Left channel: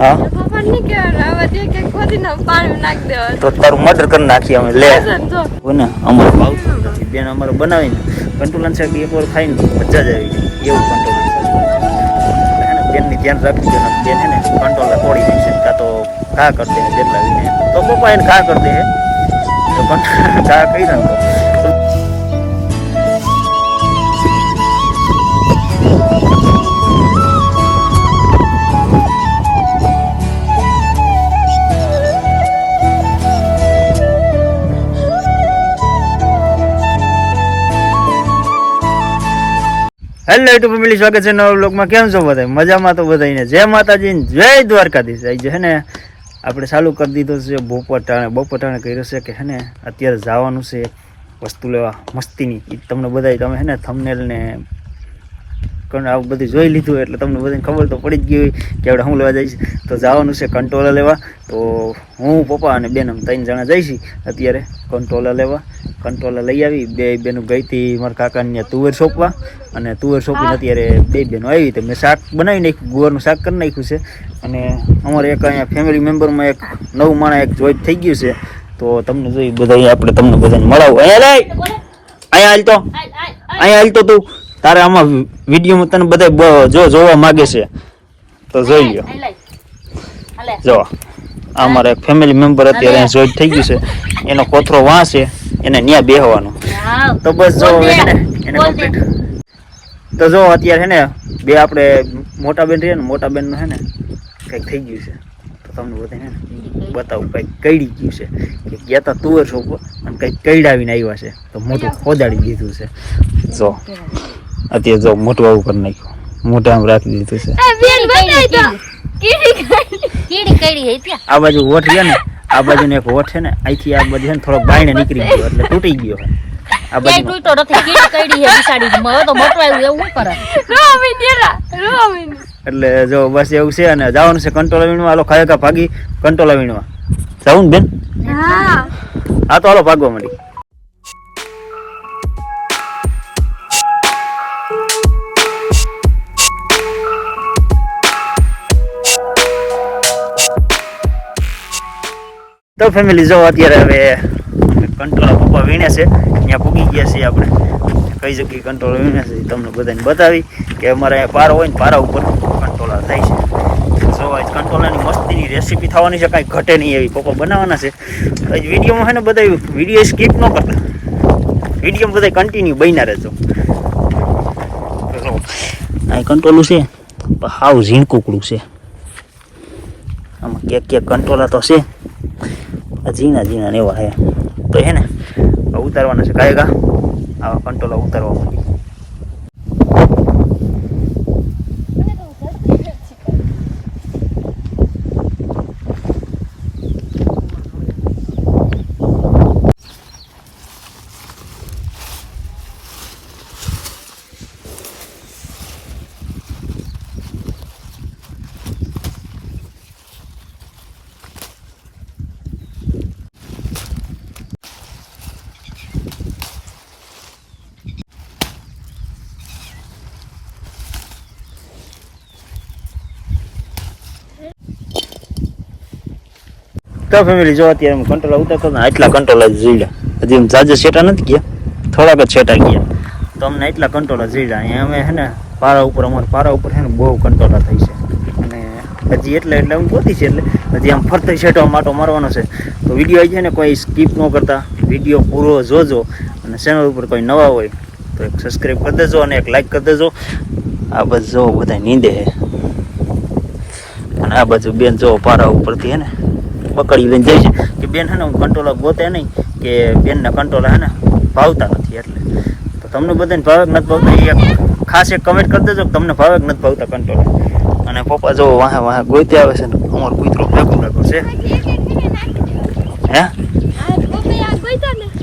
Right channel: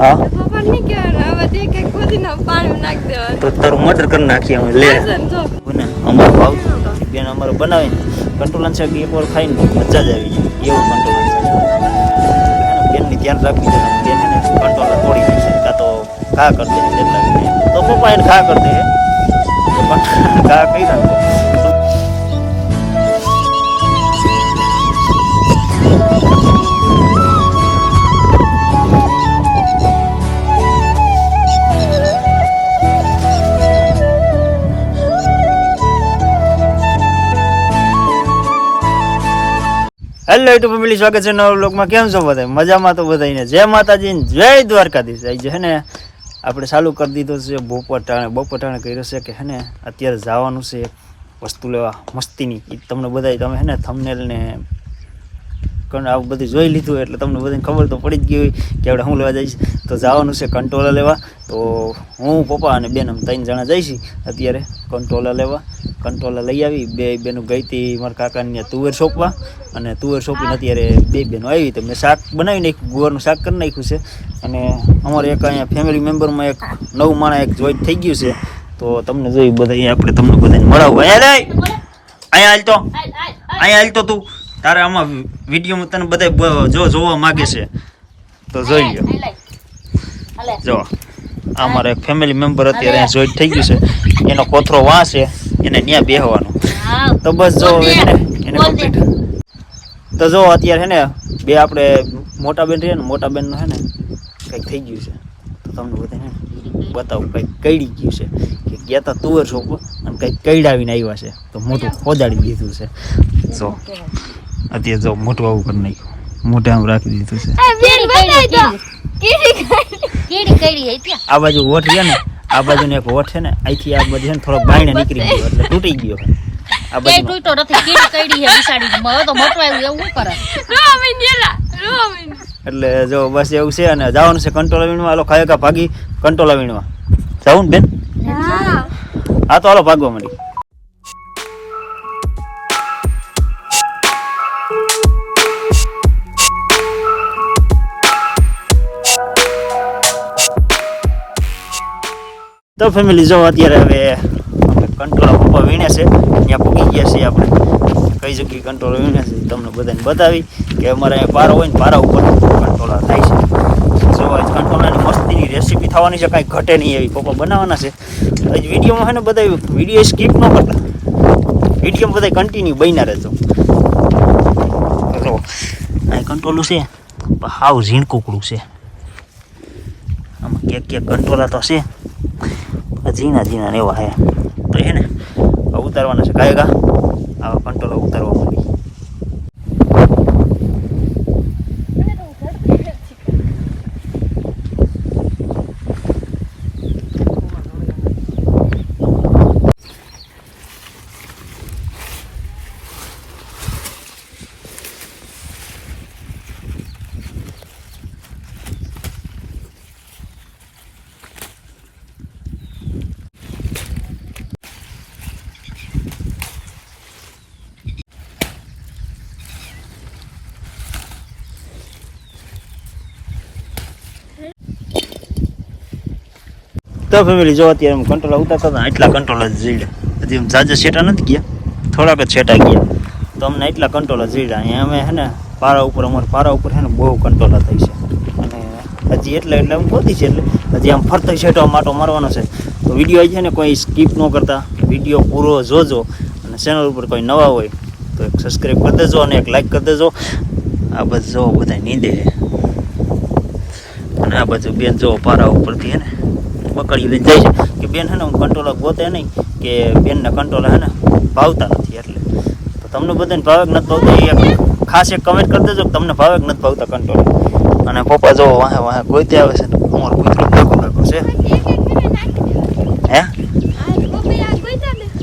હા પપ્પા ની કે હવે તે કે ખોદીને પાણી નાખ દેવા તો તારું મર્ડર કરી નાખી અમે લે જો ને અમારે ભાવતું બેન અમારે બનાવીને કંટ્રોલન સાહેબ એકવાર ખાઈને તો મજા જ આવી જાય એવું કંટ્રોલન સાહેબ હે ને બેનની ધ્યાન રાખવું જોઈએ બેન હે ને કંટ્રોલર તોડી દેશે કાં તો ઘા કરી દે જેટલા તો પપ્પા એને ઘા કરી દે હે તો ઘા કરી રાખો હેલો યુટ્યુબ ફેમિલી સ્વાગત છે નવા બ્લોગમાં કેમ છો બધા મજામાં તો બધાને જય માતાજી જય દ્વારકાધીશ આજે છે ને આપણે ચાલુ કરી દીધો છે બપોટાણે કર્યો છે કે હે ને અત્યારે જવાનું છે વસ્તુ લેવા મસ્તીની એ તમને બધા તમે હે ને થંબનેલ ને આ બધું જોઈ લીધું એટલે તમને બધાને ખબર તો પડી જ ગઈ હોય કે આપણે શું લેવા જઈશ તો જવાનું છે કંટ્રોલર લેવા તો હું પપ્પા અને બેન ત્રણ જણા જઈશી અત્યારે કંટ્રોલર લેવા કંટ્રોલર લઈ આવી બે બેનું ગઈ હતી મારા કાકાને તુવેર સોંપવા અને તુવેર સોંપીને અત્યારે બે બેનો આવી તો મેં શાક બનાવી નાખ્યું ગુવારનું શાક કરી નાખ્યું છે અને અમારે એક અહીંયા ફેમિલી મેમ્બરમાં એક નવું માણસ એક જોઈન્ટ થઈ ગયું છે તો તમને જોઈ બધા આપણે તમને બધાને મળાવું અહીંયા હાલ તો તું તારે આમાં વિડીયોમાં તને બધા જોવા માગે છે તો જોઈ લ્યો જો અમારા એક ફેમિલી મેમ્બર અત્યારે અહીંયા જોઈન્ટ થઈ ગયું છે એનો કોથરો વાં છે એને ત્યાં બેહવાનું તો બસ જો એને કમ્પ્લીટ તો જો અત્યારે હે ને બે આપણે મોટા બેન રહીએ ને મોટા બેનનું હે ને કંઈક થઈ ગયું છે તો તમને બધાને હે ને બતાવું કંઈક કઈડી ગયું છે કે ગયા તા તુવેર સોંપો અને કંઈક કઈડાવીને આવ્યા છે તો મોટું ખોદાડી દીધું છે જો અત્યારે જો મોટું આવું કરી નાખ્યું મોઢે આમ રાખી દીધું છે આ બાજુ વોટ છે ને આ બાજુ ને એક વોટ છે ને અહીંથી આ બાજુ છે ને થોડોક બાયણે નીકળી ગયો એટલે તૂટી ગયો આ બાજુ એટલે જો બસ એવું છે અને જવાનું છે કંટ્રોલ વીણવા હાલો ખાયકા ભાગી કંટ્રોલ વીણવા જવું ને બેન હા તો હાલો ભાગવા મળી તો ફેમિલી જો અત્યારે હવે કંટ્રોલ પપ્પા વીણે છે ત્યાં પૂગી ગયા છીએ આપણે કઈ જગ્યાએ કંટ્રોલ વીણે છે તમને બધાને બતાવી કે અમારે અહીંયા પારો હોય ને પારા ઉપર કંટ્રોલ થાય છે જો આજ કંટ્રોલની મસ્તીની રેસીપી થવાની છે કાંઈ ઘટે નહીં એવી પપ્પા બનાવવાના છે આજ વિડીયોમાં છે ને બધા વિડીયો સ્કીપ ન કરતા વિડીયોમાં બધા કન્ટિન્યુ બન્યા રહેજો અહીં કંટ્રોલું છે હાવ ઝીણકુકડું છે આમાં ક્યાંક કંટ્રોલા તો છે જીના ને એવા હે તો હે ને ઉતારવાના છે કાયગા આવા કંટ્રોલ ઉતારવા માટે તો ફેમિલી જો અત્યારે કંટ્રોલ ઉતરતો ને આટલા કંટ્રોલ જ જીડ્યા હજી એમ જાજા છેટા નથી ગયા થોડાક જ છેટા ગયા તો અમને એટલા કંટ્રોલ જ જીડ્યા અહીંયા અમે હે ને પારા ઉપર અમારા પારા ઉપર છે ને બહુ કંટ્રોલ થઈ છે અને હજી એટલે આમ પહોંચી છે એટલે હજી આમ ફરતો છેટો માટો મારવાનો છે તો વિડીયો આવી છે ને કોઈ સ્કીપ ન કરતા વિડીયો પૂરો જોજો અને ચેનલ ઉપર કોઈ નવા હોય તો એક સબસ્ક્રાઈબ કરી દેજો અને એક લાઈક કરી દેજો આ બાજુ જો બધા નીંદે છે અને આ બાજુ બેન જો પારા ઉપરથી હે ને પકડી લઈને જાય છે કે બેન હે ને હું કંટ્રોલર ગોતે નહીં કે બેનને કંટ્રોલર હે ને ભાવતા નથી એટલે તો તમને બધાને ભાવે નથી ભાવતા એ ખાસ એક કમેન્ટ કરી દેજો કે તમને ભાવે નથી ભાવતા કંટ્રોલર અને પપ્પા જો વાહે ગોતે આવે છે ને અમારો કૂતરો ભેગો નાખો છે હે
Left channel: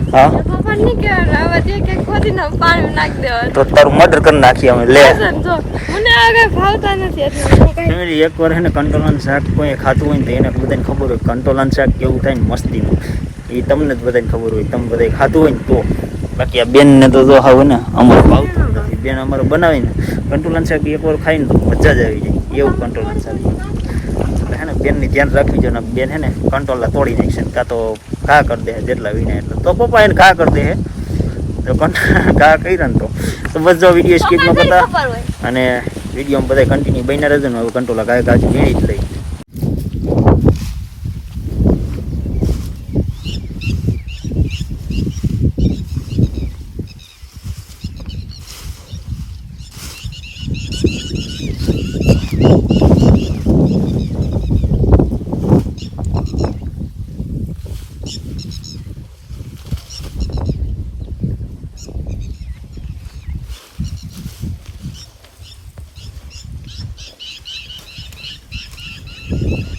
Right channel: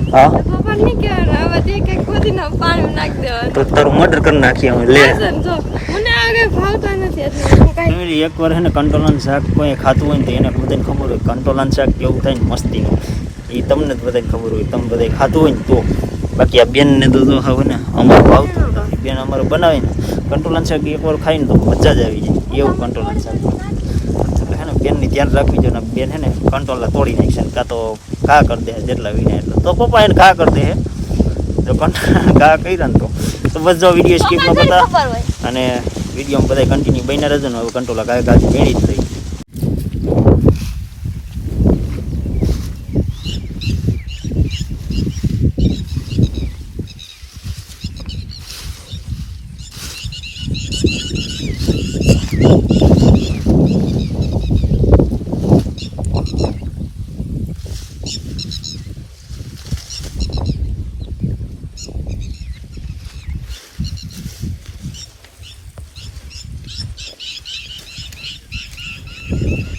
હા તો તારું મર્ડર કરી નાખી અમે લે ફેમિલી એકવાર હે ને કંટ્રોલન શાક કોઈ ખાતું હોય ને તો એને બધાને ખબર હોય કંટ્રોલન શાક કેવું થાય ને મસ્તીનું એ તમને જ બધાને ખબર હોય તમે બધા ખાતું હોય ને તો બાકી આ બેનને તો જો હવે ને અમારે ભાવતું નથી બેન અમારે બનાવીને કંટ્રોલન શાક એકવાર ખાઈને તો મજા જ આવી જાય એવું કંટ્રોલન શાક એટલે હે ને બેનની ધ્યાન રાખવી જોઈએ ને બેન હે ને કંટ્રોલર તોડી નાખશે ને કાં તો ઘા કરી દે જેટલા વિના એટલે તો પપ્પા એને ઘા કરી દે હે જો ઘા કર્યા ને તો બસ જો વિડીયો સ્કીપ ન કરતા અને વિડીયોમાં બધા કન્ટિન્યુ બન્યા રહેજો ને હવે કંટ્રોલર ઘા મેળી જ લઈ.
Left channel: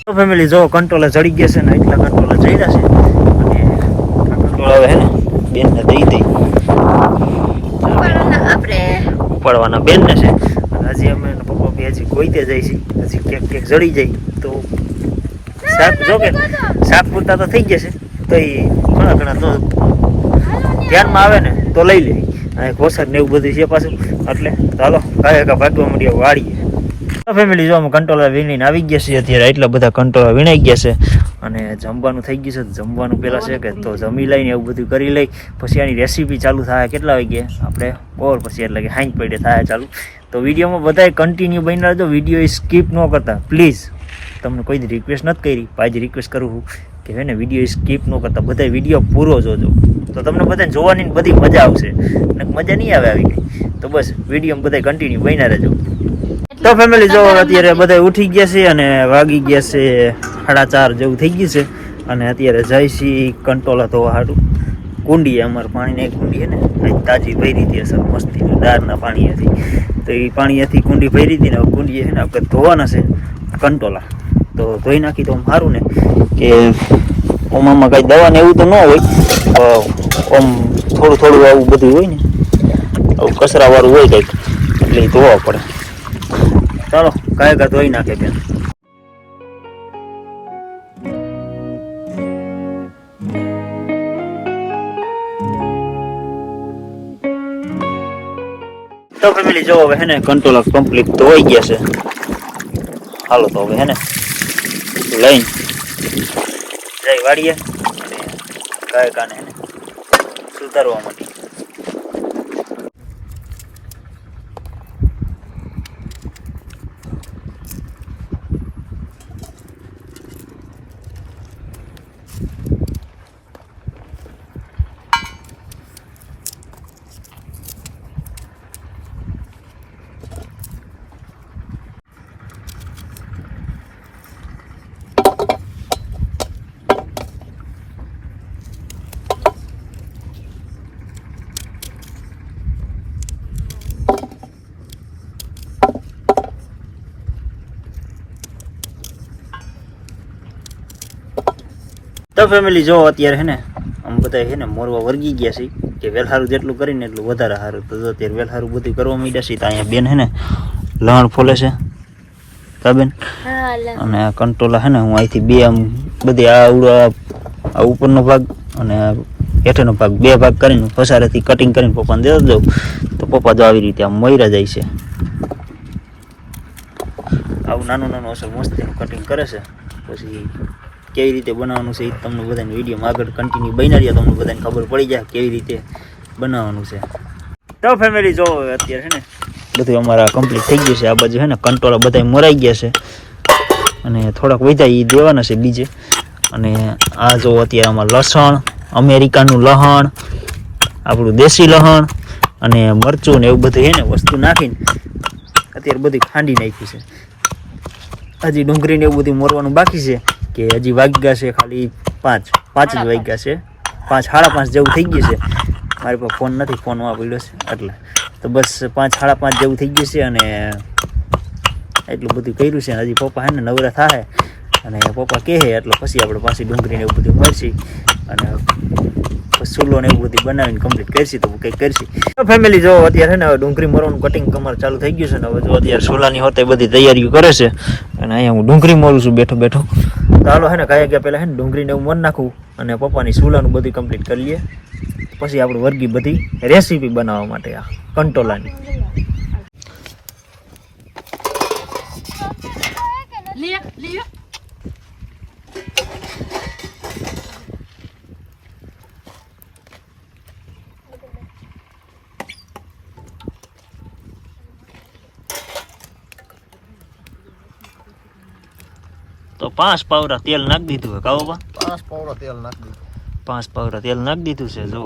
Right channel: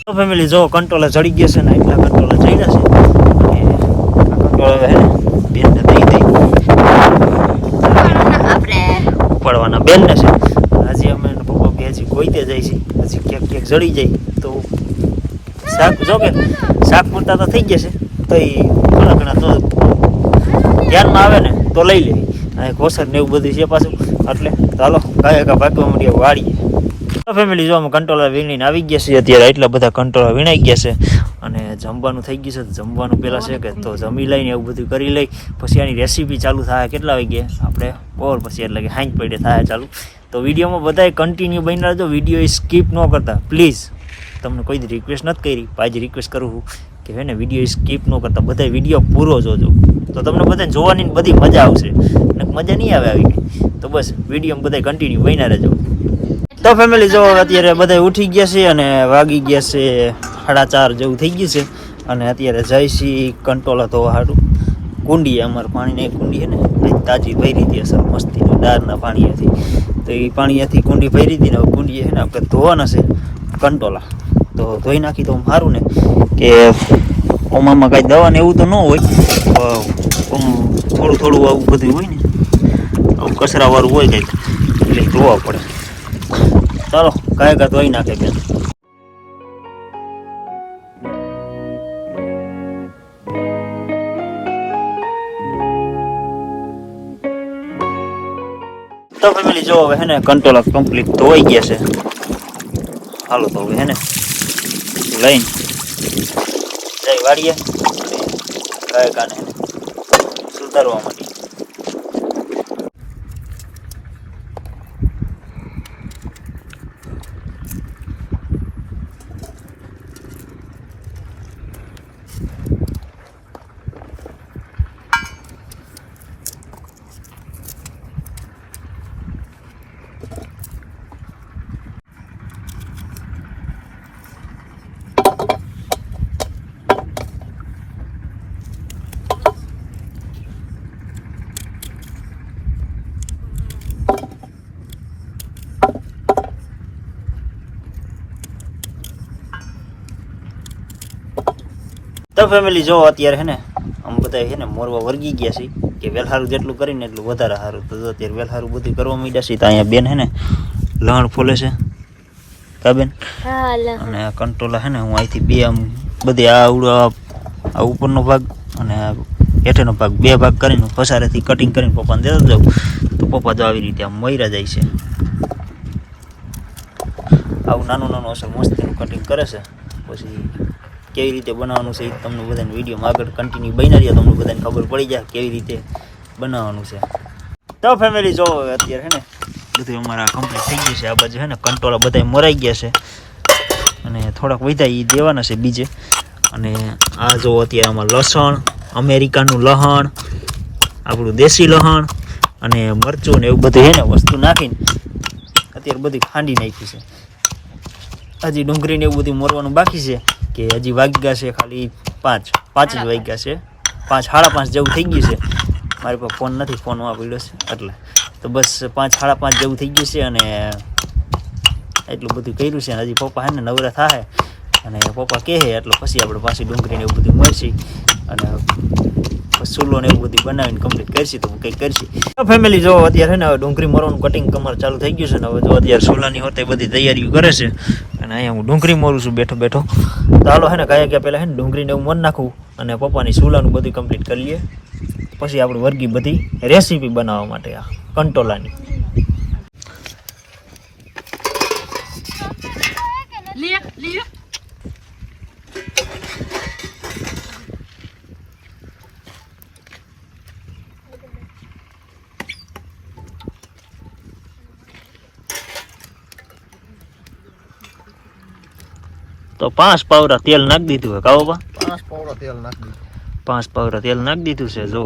તો ફેમિલી જો કંટ્રોલર ચડી ગયા છે ને એટલા કંટ્રોલર ચડ્યા છે અને આ કંટ્રોલર હવે બેનને દઈ દઈ આપણે ઉપાડવાના બેનને છે. હજી અમે પપ્પા બે હજી ગોઈતે જાય છે હજી કેક જડી જાય તો શાક જો કે શાક પૂરતા તો થઈ ગયા છે તો એ ઘણા તો ધ્યાનમાં આવે ને તો લઈ લે અને ઘોસર ને એવું બધું છે પાછું એટલે ચાલો કાંઈ ભાગવા માંડીએ વાળીએ. ફેમિલી જો અમે કંટ્રોલર વીણીને આવી ગયા છીએ અત્યારે એટલા બધા કંટ્રોલર વીણાઈ ગયા છે અને જમવાનું થઈ ગયું છે. જમવાનું પહેલાં છે કે તો જમી લઈને એવું બધું કરી લઈ પછી આની રેસીપી ચાલુ થાય કેટલા વાગે આપણે ઓર પછી એટલે કે હાંજ પડે થાય ચાલુ. તો વિડીયોમાં બધાએ કન્ટિન્યુ બની રહેજો વિડીયો સ્કીપ ન કરતા પ્લીઝ. તમને કોઈ રિક્વેસ્ટ નથી કરી આજે રિક્વેસ્ટ કરું છું કે હે ને વિડીયો સ્કીપ ન કરતા બધા વિડીયો પૂરો જોજો તો તમને બધાને જોવાની બધી મજા આવશે અને મજા નહીં આવે આવી તો બસ વિડીયોમાં બધા કન્ટિન્યુ બની રહેજો. તો ફેમિલી જો અત્યારે બધા ઉઠી ગયા છે અને વાગી ગયા છે 4:30 જેવું થઈ ગયું છે અને અત્યારે જાય છે કંટ્રોલર ધોવા હાટું. કુંડી અમારે પાણીની કુંડી છે ને તાજી ભરી હતી અસર મસ્તી દાળના પાણીથી તો એ પાણીથી કુંડી ભરી હતી ને કુંડી છે ને આપણે ધોવાના છે કંટ્રોલર તો ધોઈ નાખી તો સારું ને કે ઓમામાં કાંઈ દવા ને એવું તો ન હોય ઓમ થોડું આવું બધું હોય ને આવું કચરાવાળું હોય કંઈક એટલે એ ધોવા પડે. ચાલો કાંઈ ધોઈ નાખે બેન. તો ફેમિલી જો હવે હે ને કંટ્રોલર કમ્પ્લીટ ધોવાઈ ગયા છે. હાલો તો હવે હે ને લઈને જઈ વાળીએ અને કાંઈ હે ને સુધારવા માટે. તો ફેમિલી જો અત્યારે હે ને આમ બધા હે ને મોરવા વર્ગી ગયા છે કે વેલહારું જેટલું કરીને એટલું વધારે સારું. તો અત્યારે વેલહારું બધું કરવા માંડ્યા છે તો અહીંયા બેન હે ને લણ ફોલે છે કા બેન અને આ કંટ્રોલર હે ને હું અહીંથી બે આમ બધી આ ઉપરનો ભાગ અને હેઠળનો ભાગ બે ભાગ કરીને પસારેથી કટિંગ કરીને પપ્પાને દેતા જાઉં તો પપ્પા જો આવી રીતે આમ મયરા જાય છે. આવું નાનું અસર મસ્તીનું કટિંગ કરે છે. પછી કેવી રીતે બનાવવાનું છે એ તમને બધાને વિડીયોમાં આગળ કન્ટિન્યુ બન્યા રહ્યા તમને બધાને ખબર પડી જાય કેવી રીતે બનાવવાનું છે. તો ફેમિલી જો અત્યારે છે ને બધું અમારા કમ્પ્લીટ થઈ ગયું છે. આ બાજુ છે ને કંટ્રોલર બધા મરાઈ ગયા છે અને થોડાક વધ્યા એ દેવાના છે બીજે. અને આ જો અત્યારે આમાં લસણ અમેરિકાનું લહણ આપણું દેશી લહણ અને મરચું ને એવું બધું છે ને વસ્તુ નાખીને અત્યારે બધી ખાંડી નાખી છે. હજી ડુંગળીને એવું બધું મોરવાનું બાકી છે કે હજી વાગ્યા છે ખાલી 5 જ વાગ્યા છે 5:30 જેવું થઈ ગયું છે. મારી પાસે ફોન નથી ફોનમાં પડ્યો છે એટલે તો બસ 5:30 જેવું થઈ ગયું છે અને એટલું બધું કર્યું છે. હજી પપ્પા હે ને નવરા થાય અને પપ્પા કહે એટલે પછી આપણે પાછી ડુંગળીને એવું બધું મળશે અને ચૂલો ને એવું બધું બનાવીને કમ્પ્લીટ કરશી તો કંઈક કરશી. ફેમિલી જો અત્યારે છે ને ડુંગળી મોરવાનું કટિંગ કમર ચાલુ થઈ ગયું છે ને હવે જો અત્યારે ચૂલાની હોતે બધી તૈયારીઓ કરે છે અને અહીંયા હું ડુંગળી મોરું છું બેઠો બેઠો. તો હાલો હે ને કાંઈ ગયા પહેલાં હે ને ડુંગળીને એવું મન નાખવું અને પપ્પાની ચૂલાનું બધું કમ્પ્લીટ કરી લઈએ પછી આપણે વર્ગી બધી રેસીપી બનાવવા માટે આ કંટોલાની. તો 5 પાવરા તેલ નાખી દીધું હે કાવો બા 5 પાવડા તેલ નાખી દીધું. 5 પાવરા તેલ નાખી દીધું છે જો.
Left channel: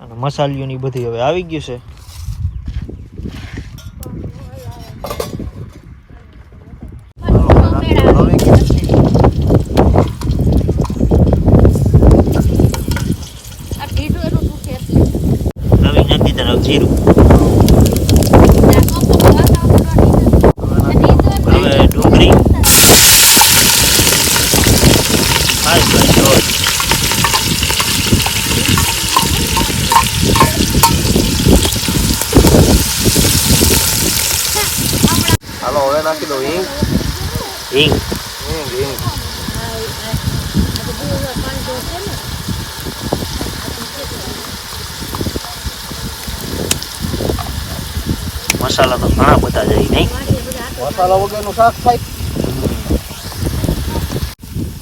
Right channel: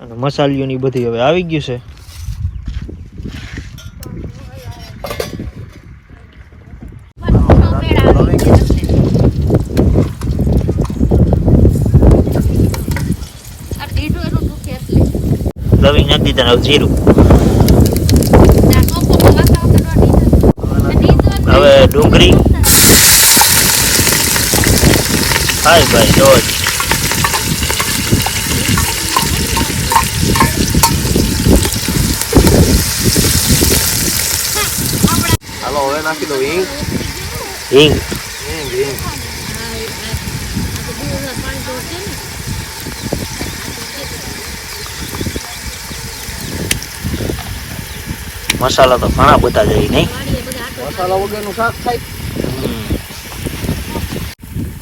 અને મસાલીઓની બધી હવે આવી ગયું છે. લવિંગ નાખી દીધા ને જીરું. હવે ડુંગળી હાય ભાઈ રોજ હાલો હવે નાખી દઉં હિંગ. હિંગ મસાલા તો ઘણા બધા જાય નહીં. મસાલા વગરનું શાક થાય.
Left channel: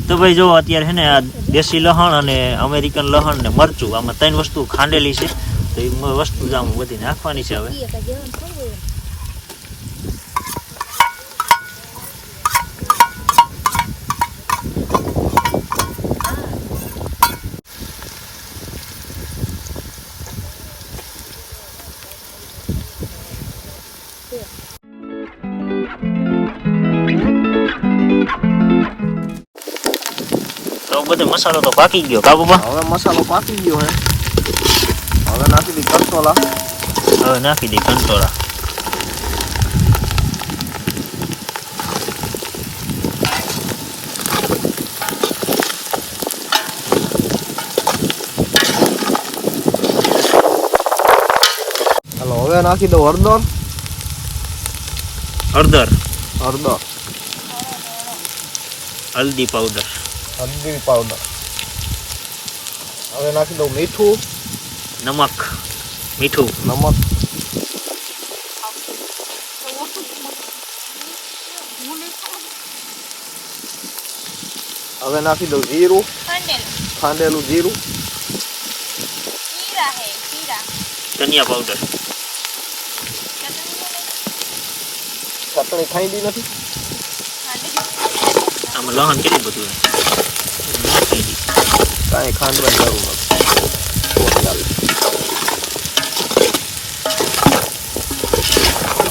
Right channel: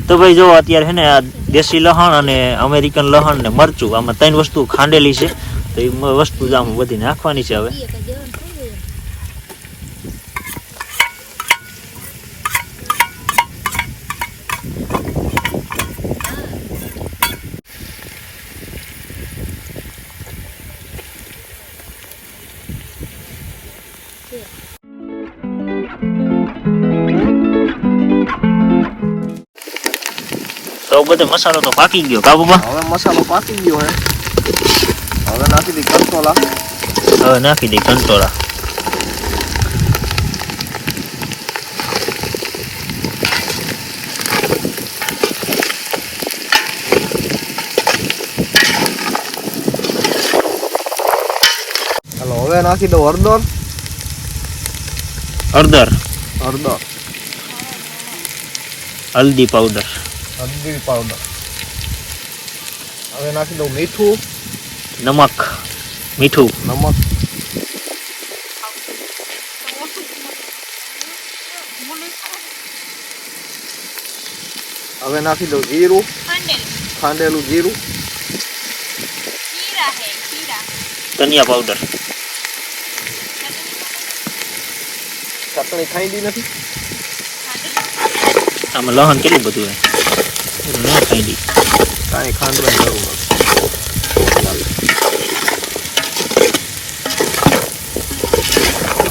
તો ભાઈ જો અત્યારે હે ને આ દેશી લહણ અને અમેરિકન લહણ ને મરચું આમાં 3 વસ્તુ ખાંડેલી છે. તો એ વસ્તુ જ આમ બધી નાખવાની છે હવે. તો બધો મસાલો તો પાકી ગયો કા બાબા. હવે મસાલો પાકી ગયો હે. હવે નાખી દી કંટોલા. હવે નાખી દઈ કંટોળા. હાલો હવે નાખી દઉં હળદર. હળદર હલ્દી પાવડર હળદી પાવડર. હવે નાખી દઉં મીઠું. મીઠું નમક. હવે નાખી દઉં જીરું. ખાંડેલું જીરું. ધનિયા પાવડર. ચટણી ખાઈ દી નથી. આમાં લહણ કેટલું બધું હે ના ખાઈ દી. કાંઈ ખાંડવાની જરૂર નથી.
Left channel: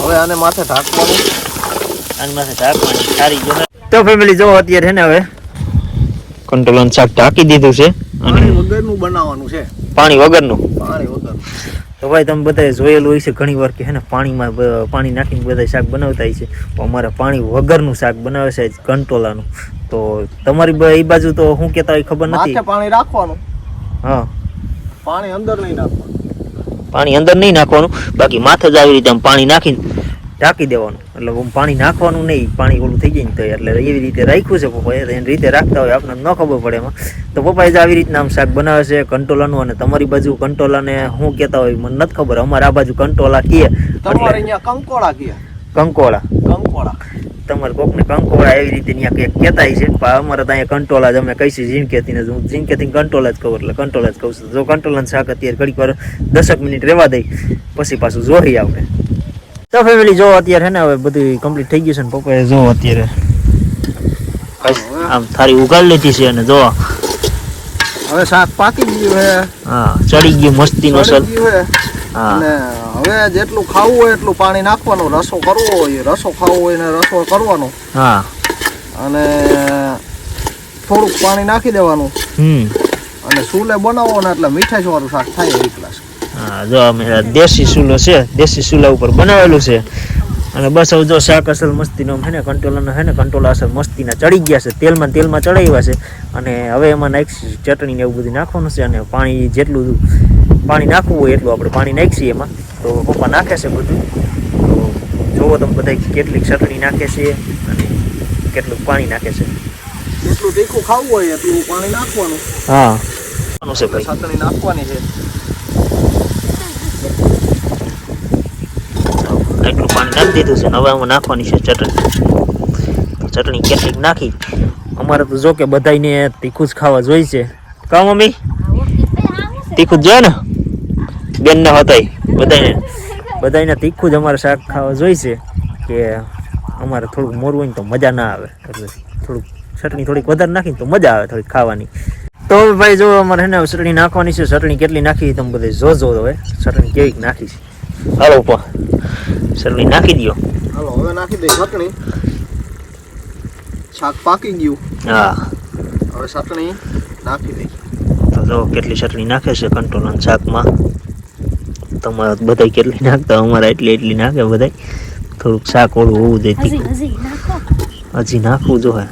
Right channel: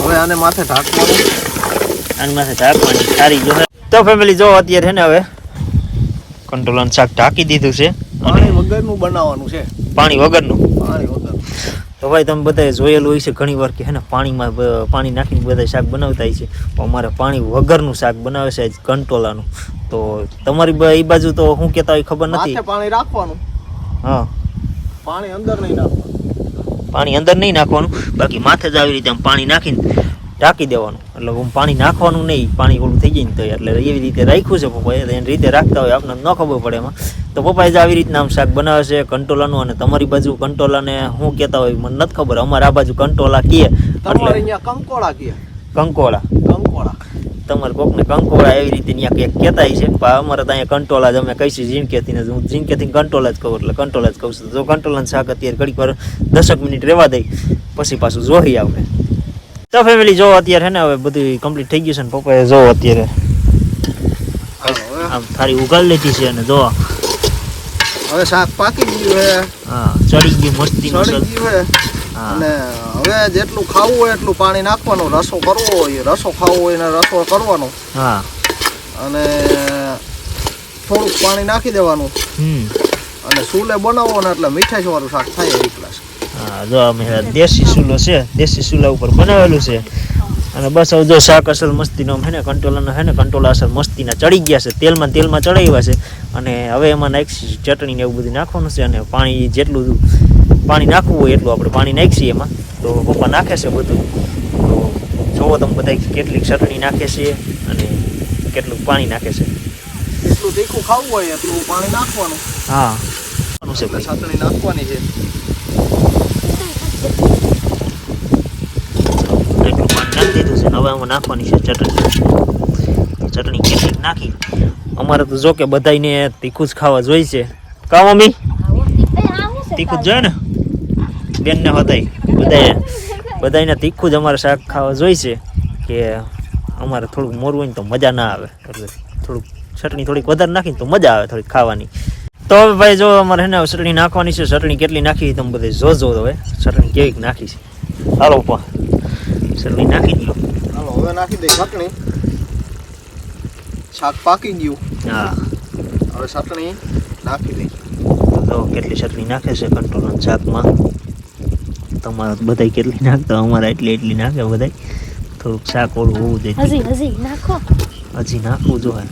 હવે આને માથે ઢાંકવાનું. આની માથે ઢાંકવાની સારી જો. તો ફેમિલી જો અત્યારે હે ને હવે કંટોલાનું શાક ઢાંકી દીધું છે. પાણી વગરનું બનાવવાનું છે. પાણી વગરનું. પાણી વગર. તો ભાઈ તમે બધાએ જોયેલું હોય છે ઘણી વાર કે હે ને પાણીમાં પાણી નાખીને બધા શાક બનાવતા હોય છે. અમારે પાણી વગરનું શાક બનાવે છે કંટોલાનું. તો તમારી એ બાજુ તો શું કહેતા હોય ખબર નથી. માથે પાણી રાખવાનું. હા પાણી અંદર નહીં નાખવાનું. પાણી અંદર નહીં નાખવાનું. બાકી માથે જ આવી રીતે આમ પાણી નાખીને ઢાંકી દેવાનું. એટલે હું પાણી નાખવાનું નહીં. પાણી ઓલું થઈ જાય ને તો એટલે એવી રીતે રાખ્યું છે પપ્પાએ. એની રીતે રાખતા હોય આપણને ન ખબર પડે એમાં. તો પપ્પાએ જ આવી રીતના આમ શાક બનાવે છે કંટોલાનું. અને તમારી બાજુ કંટોલાને શું કહેતા હોય મને નથી ખબર. અમારે આ બાજુ કંટોલા કહે એટલે કંકોડા કહે. કંકોળા. કંકોડા. તમારે કોકને કંકોળા એવી રીતે ત્યાં કંઈક કહેતા છે. પણ અમારે તો અહીંયા કંટોલા જ અમે કહીશું ઝીણકેથી ને. હું ઝીણકેથી કંટોલા જ કહું એટલે કંટોલા જ કહું છું. જો કંટોલાનું શાક અત્યારે ઘડીક વાર 10 મિનિટ રહેવા દઈ પછી પાછું જોઈ આવને. તો ફેમિલી જો અત્યારે હે ને હવે બધું કમ્પ્લીટ થઈ ગયું છે ને પપ્પાએ જો અત્યારે આમ થારી ઉગાડી લીધી છે. અને જો હવે શાક પાકી ગયું હે. હા ચડી ગયું મસ્તીનો સલ. હા અને હવે જેટલું ખાવું હોય એટલું પાણી નાખવાનું. રસો કરવો હોય રસો ખાવો હોય ને રસો કરવાનો. હા અને થોડુંક પાણી નાખી દેવાનું. અને સૂલે બનાવો ને એટલે મીઠાશ વાળું શાક થાય એક ગ્લાસ. હા જો અમે દેશી ચૂલો છે. દેશી ચૂલા ઉપર બનાવેલું છે. અને બસ હવે જો શાક અસલ મસ્તીનો હે ને કંટોલાનો હે ને કંટોલા અસલ મસ્તીના ચડી ગયા છે. તેલમાં ચડાવ્યા છે. અને હવે એમાં નાખીશું ચટણી ને એવું બધું નાખવાનું છે. અને પાણી જેટલું પાણી નાખવું હોય એટલું આપણે પાણી નાખીએ એમાં. તો પપ્પા નાખે છે બધું. તો જુઓ તમે બધા કેટલીક ચટણી નાખે છે અને કેટલું પાણી નાખે છે. જેટલું તીખું ખાવું હોય એટલું પાણી નાખવાનું. હા છે ભાઈ ચટણી નાખવાની છે. એટલું પાણી નાખી દીધું છે. હવે આમાં નાખવાની છે ચટણી. તો ચટણી કેટલીક નાખી. અમારે તો જો કે બધાને તીખું જ ખાવા જોઈએ છે. કા મમ્મી તીખું જ જોઈએ ને બેનને હતા બધાને તીખું જ અમારે શાક ખાવા જોઈએ છે. કે અમારે થોડુંક મોરું હોય ને તો મજા ના આવે, એટલે થોડુંક ચટણી થોડીક વધારે નાખીને તો મજા આવે થોડીક ખાવાની. તો હવે ભાઈ જો અમારે હે ને ચટણી નાખવાની છે. ચટણી કેટલી નાખી તમે બધે જોજો હવે ચટણી કેવી નાખી છે. હાલો ઉપર ચટણી નાખી દો. હાલો હવે નાખી દઈ ચટણી. શાક પાકી ગયું. હા હવે ચટણી નાખી દઈ. તો જો કેટલી ચટણી નાખે છે કંટ્રોલ શાકમાં. તમારે બધા કેટલી નાખતા, અમારે એટલી નાખે બધા. થોડુંક શાક ઓળું હોવું જોઈએ. હજી નાખવું જો હે.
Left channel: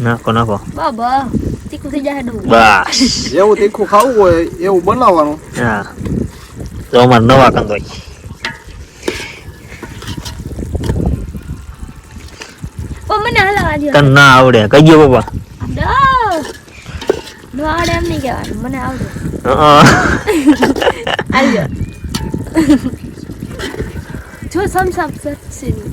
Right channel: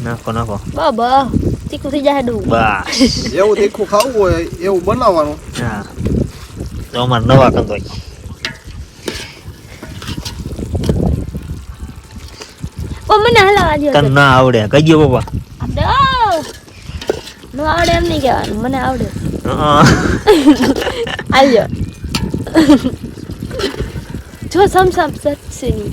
નાખો બાબા તીખું થઈ જાય. બસ જેવું તીખું ખાવું હોય એવું બનાવવાનું. હા તો અમારે નવા કંદો મને હલાવા દો. તને ના આવડે કહી ગયો બાબા. નો આવડે એમ નહીં કહેવાનું, મને આવડે. હા આવ્યો જો સમસમ સસરી.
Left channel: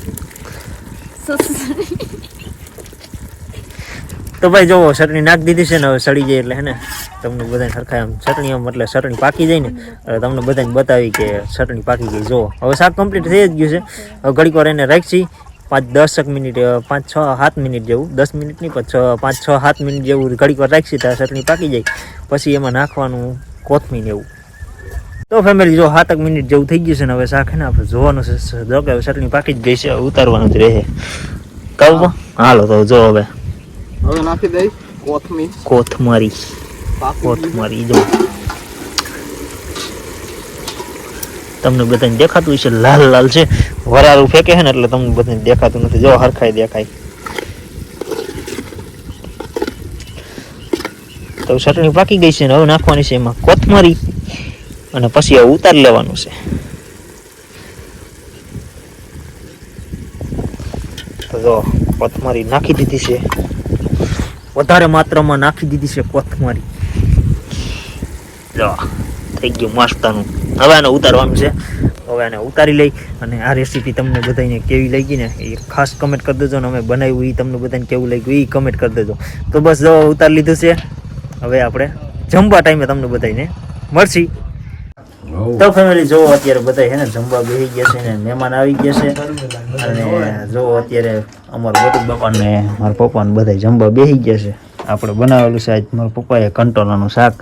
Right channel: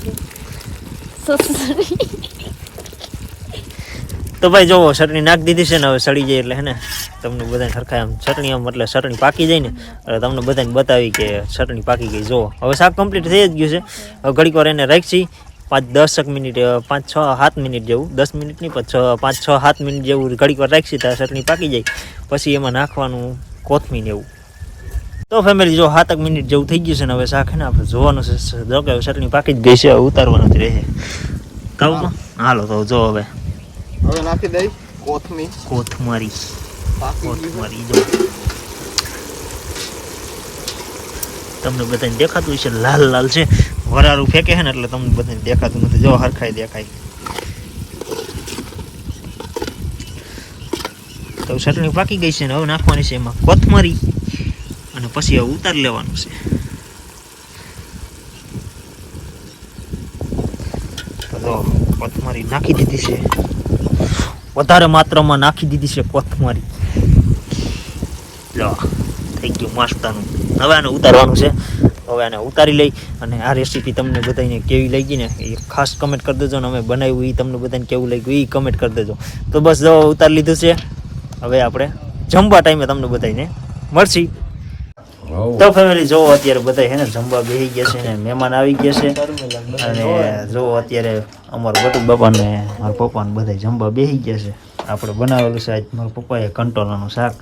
તો ભાઈ જોવો ચટણી નાખી દીધી છે ને, હવે સડી જાય એટલે હે ને તમને બધાને સરખા આમ ચટણી આમ એટલે ચટણી પાકી જાય ને એટલે તમને બધાને બતાવી કે ચટણી પાકી ગઈ. જોવો હવે શાક કમ્પ્લીટ થઈ જ ગયું છે. હવે ઘડીક વાર એને રાખી 5-10 મિનિટ, 5-6-7 મિનિટ જેવું, 10 મિનિટ નહીં 5-6-7 મિનિટ જેવું ઘડીક વાર રાખી તો ચટણી પાકી જાય. પછી એમાં નાખવાનું કોથમીર એવું. તો ફેમિલી જો 7 મિનિટ જેવું થઈ ગયું છે ને હવે શાક હે ને આપણે જોવાનું છે. જો કે ચટણી પાકી જ ગઈ છે, ઉતારવાનું જ રહે. કહું હાલો તો જો હવે નાખી દઈ કોથમરી જો તમને બધાને દેખાતું હશે લાલ છે. વરાળું ફેંકે છે ને એટલે તમને બધાને દેખાતું નથી. જો હરખાઈ દેખાય. તો ચટણી પાકી ગઈ છે ને હવે નાખવાની છે એમાં કોથમરી અને પછી હવે ઉતારી લેવાનું છે. તો જો કોથમરી નાખી દીધી છે, વધારે માત્રામાં નાખી દીધી છે કોથમરી. જો થઈ ગયું મસ્તનું. હવે આને ઉતારવાનું છે. હવે આને ઉતારી લઈ અને આ રેસીપી તમને બધાને કેવી લાગી ને એ ખાસ કમેન્ટ કરી દેજો. ને અમે બનાવ્યું એ તમને બધાને કેવું લાગ્યું એ કમેન્ટ કરી દેજો. તો બસ જો ઉતારી લીધું છે. હવે આપણે જમવા ટાઈમે તમને બધાને મળશી. તો ફેમિલી જો અત્યારે બધા છે ને જમવા બેસી ગયા છે ને મહેમાન આવી ગયા છે. અને જો અત્યારે અમારા બટુક બાપા ને મારા પપ્પા ને બધા જમવા બેસી ગયા છે. આપણે બનાવેલું છે આજ મારા પપ્પાએ કંટોલાનું શાક.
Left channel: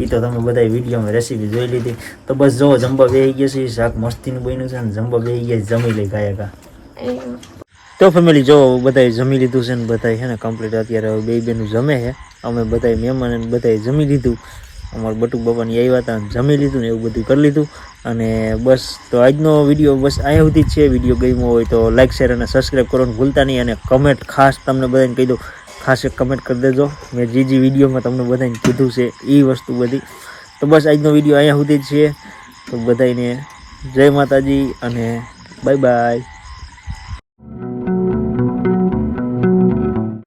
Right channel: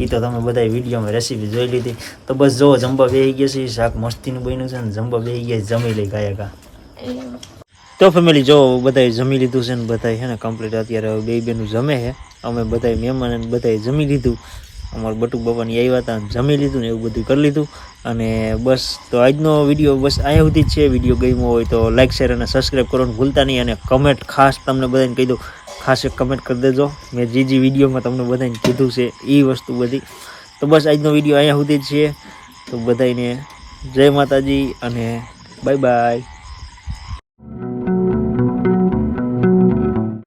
એ તો તમે બધા વિડીયોમાં રેસીપી જોઈ લીધી. તો બસ જો જમવા બેસી ગયા છે. શાક મસ્તીનું બન્યું છે ને જમવા બેસી ગયા જમી લઈ ગાયકા. તો ફેમિલી જો બધાએ જમી લીધું છે ને બધા છે ને કમ્પ્લીટ અત્યારે બે બેનું જમે છે. અમે બધા મહેમાન બધાએ જમી લીધું. અમારા બટુક બાપાની આવ્યા હતા જમી લીધું ને એવું બધું કરી લીધું. અને બસ તો આજનો વિડીયો બસ અહીંયા સુધી જ છે. વિડીયો ગમ્યો હોય તો લાઈક શેર અને સબસ્ક્રાઈબ કરવાનું ભૂલતા નહીં. અને કમેન્ટ ખાસ તમને બધાને કહી દઉં, ખાસ એક કમેન્ટ કરી દેજો. મેં જે વિડીયોમાં તમને બધાને કીધું છે એ વસ્તુ બધી. તો બસ આજનો વિડીયો અહીંયા સુધી જ છે. તો બધાને જય માતાજી અને બાય બાય.